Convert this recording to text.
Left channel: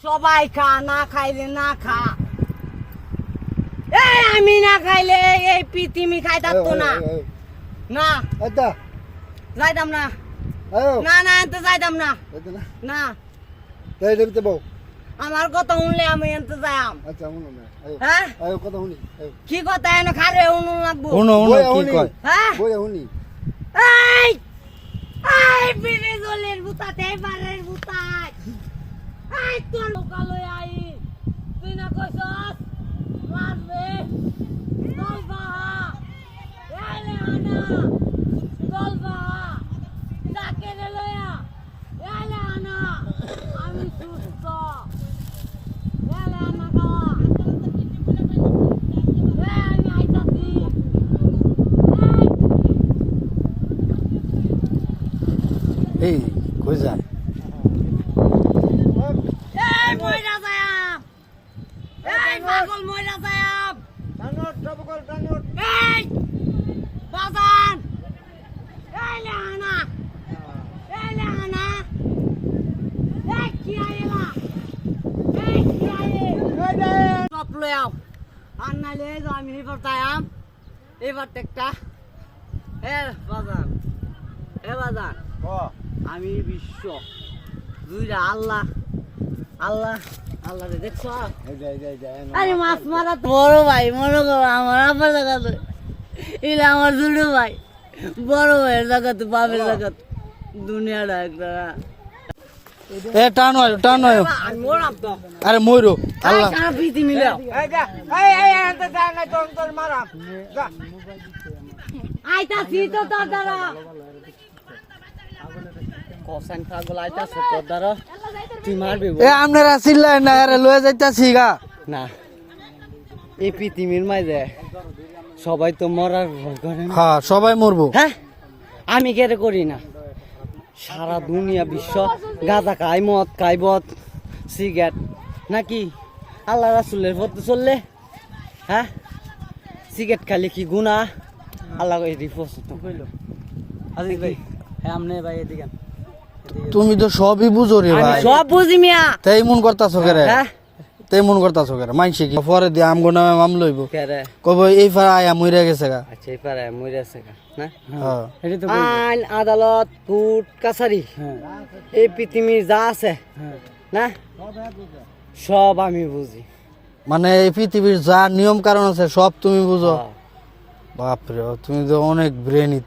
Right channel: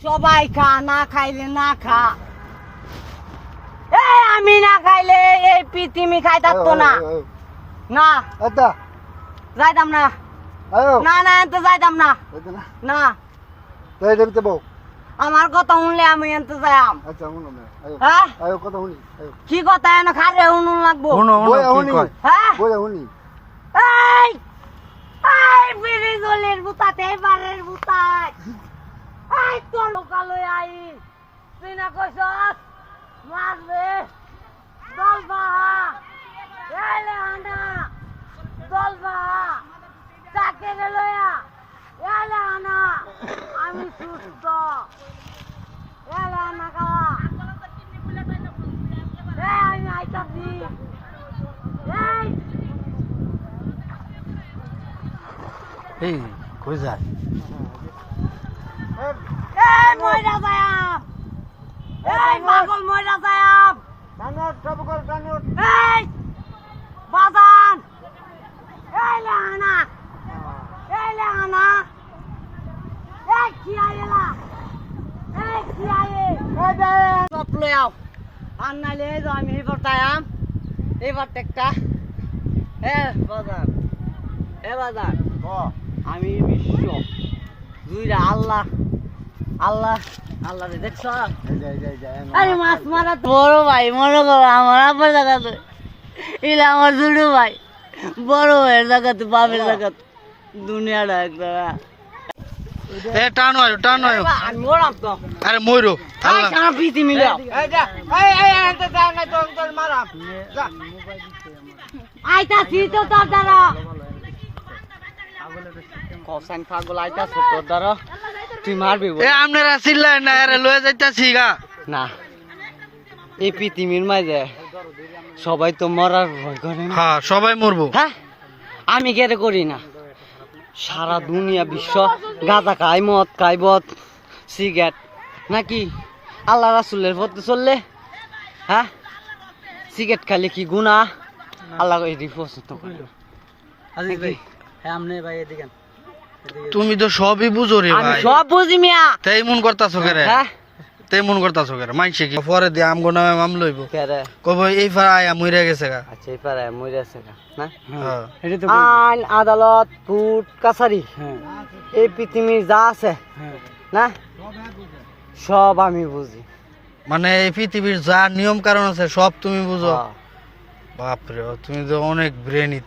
সবাই খা না খাইলে না খা। এই আমি না খাইলে এই পৃথিবী খাই থাকতো না। না। যাইতাম না। না না এনতে যাইতাম না। না? আমার কথা শুনলে আমি এনতে যাইম আচ্ছা শুনো না আয়ো। হ্যাঁ? কি কথা এনে খারে শুনুন লাগবো? হ্যাঁ? এই এই বেড়ে জলের বুতাতে এবারের বুতায় এই তোর লোকালয় আই। তুই না কইছস? মারবে চলবা এলে আনা। চলবা যাকে রে লয়া। এলে আনা। আমি সুস্থ। এলে আনা খাওয়া এই আমি আইতাছি। এই। এই, কই যায় যায়াম এই কর টানোট এই বাজান! এই এই লানা এই কি আইলা এই কি আইে সব লই আও। আর নাইলে আমি এবার তায়াম এবার একটা। এ বাজান। এ বাজান। আমি বিশ্ব। দুইটা আল্লাহ। আল্লাহ আল্লাহ রে দেখছ? আরে মাছ মারা তো বড় ভাই মনে করো আমার আব্বার জায়গা তো এটা আমার ছোট ভাই। বড় ভাইয়ের জায়গা তো বাপের জায়গা তো। দুনিয়াটা একটা এ টানো আরে আল্লাহ। প্রীতি মিলে। আইতাছি তো তার দ্বারা। পাগল আইতাছে তোর দ্বারা। তুই মারবি এ আপনারা চিল্লাই না আরে লয়ে যাইতাছি গা। না এই পৃথিবীর মাঝে সবাই তো মরার ভয় করে না। হ্যাঁ সবাই মরবো। হ্যাঁ আমি কেটে করি না? সারা দুনিয়া বিশ্ব গাঁজা খাই মদ খাই বদ সিগারেট নাকি আল্লাহ রাসুলের পথে চললে? হ্যাঁ সিগারেট খালি কি গুণা আল্লাহ এটি পছন্দ করল আজিজ ভাই হ্যাঁ আমনে ভাই এদিকে তুমি তো সবই বুঝো রে ভাই। সব বুঝি মিয়া। তাই মন করতাছো কেরে? হ্যাঁ। তাই মন করতাছো কেরে? মাইছে কি? পরে দিয়ে আমগো নামে মাম লইব। কেরে? কব এই ফারা আয়া মইরা গেছে গা। আচ্ছা এই পারে মরে আছে না? হ্যাঁ। এটা তো আইন আদালত কোর্ট কাছারি। হ্যাঁ। এই পৃথিবীর যা আছে হ্যাঁ। না? সব আমি বুঝি। মানে এই পৃথিবীর যা নিয়ম কারণ আছে সব তুমি বুঝো। হ্যাঁ। বাপরে তুমি তো অনেক ব্রেনি।